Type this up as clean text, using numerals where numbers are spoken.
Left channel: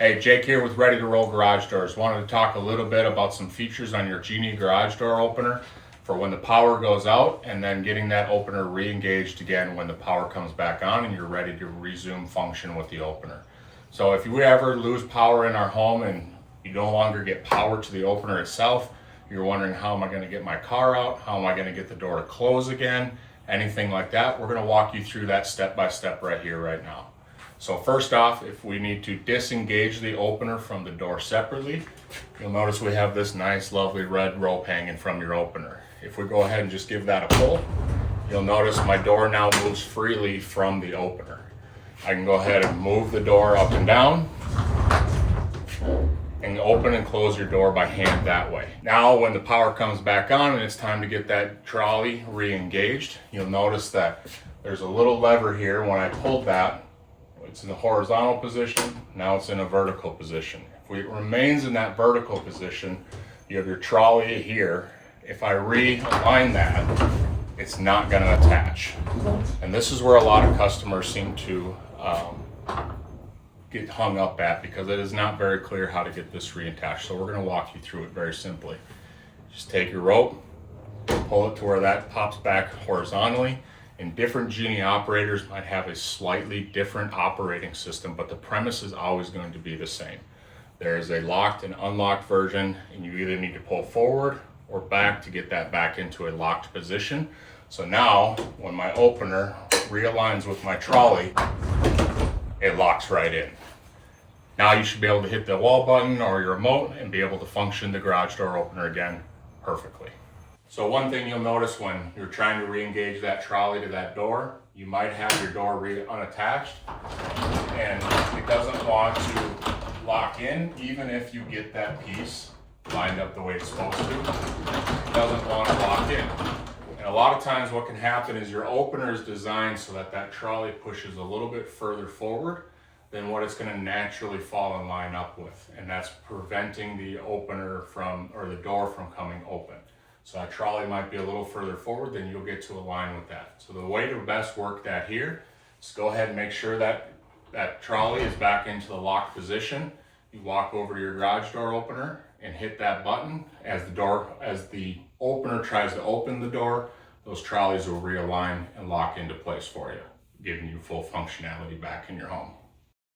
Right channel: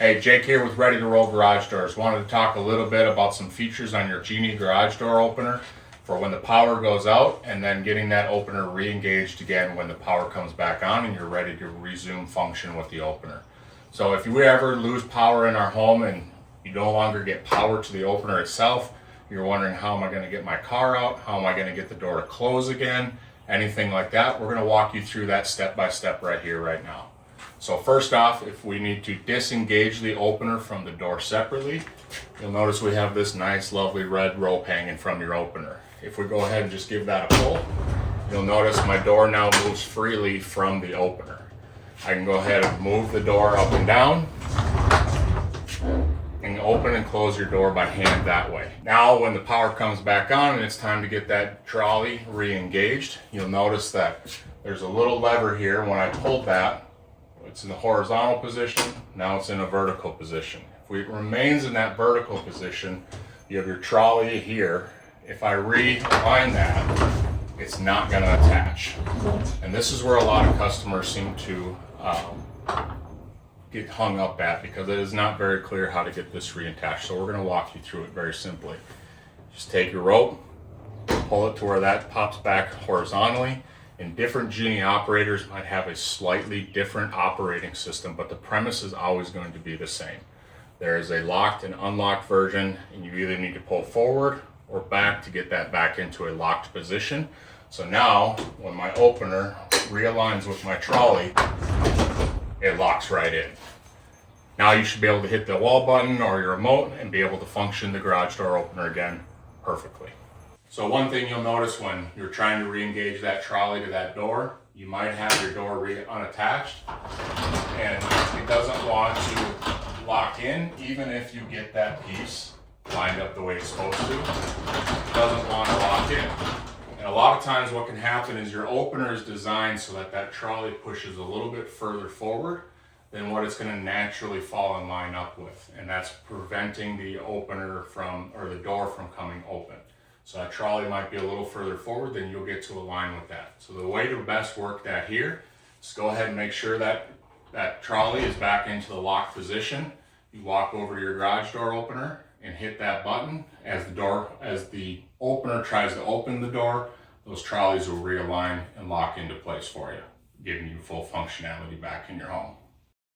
Hey, Jake here with Ready to Roll Garage Doors. Wanted to talk a little bit about some features on your Genie garage door opener for when the power goes out, and then getting that opener re-engaged again when the power comes back on and you're ready to resume function with the opener. So if you ever lose power in our home and you no longer get power to the opener itself, you're wondering, how am I going to get my car out? How am I going to get the door to close again? Anything like that, we're going to walk you through that step by step right here, right now. So first off, if we need to disengage the opener from the door separately, you'll notice we have this nice, lovely red rope hanging from your opener. If we go ahead and just give that a pull, you'll notice my door now moves freely from the opener. I can go ahead and move the door up and down and open and close your door by hand that way. Now, when the power comes back on and it's time to get that trolley re-engaged, you'll notice that there's a little lever here. When I pulled that, it's in the horizontal position, now it's in a vertical position. If it remains in that vertical position, you have your trolley here. If I realign that, it's not going to attach. And this is where a lot of customers seem to get hung up at, because it is not very clear how to get this reattached. So we're going to walk you through it very simply. Just take your rope, pull it to where that pops back horizontally. And different Genie operators might have a slightly different operating system, but the premise is always going to be the same. There is a locked and unlocked version, and you either need to pull forward or back to get that back into a locked position. So now, when my opener realigns with my trolley, it locks right in. Now you should be able to hit the wall button or your remote and be able to function the garage door opener again perfectly. So one thing you'll notice when you're trying to re-engage that trolley to that door, you might have your door unattached and it doesn't want to lock in. Even if you get that piece lined up the way it's supposed to, it doesn't want to lock in. And a lot of times what can happen is your opener is designed so that that trolley pushes a little bit further forward than what it's going to naturally fall and line up with. And that's preventing the opener from, or the door from coming open. So that trolley might be a little further forward, then you'll get to align with that. So the way to best work that here is go ahead and make sure that that trolley is back into the locked position. You walk over to your garage door opener and hit that button. As the opener tries to open the door, those trolleys will realign and lock into place for you, giving you full functionality back in your home.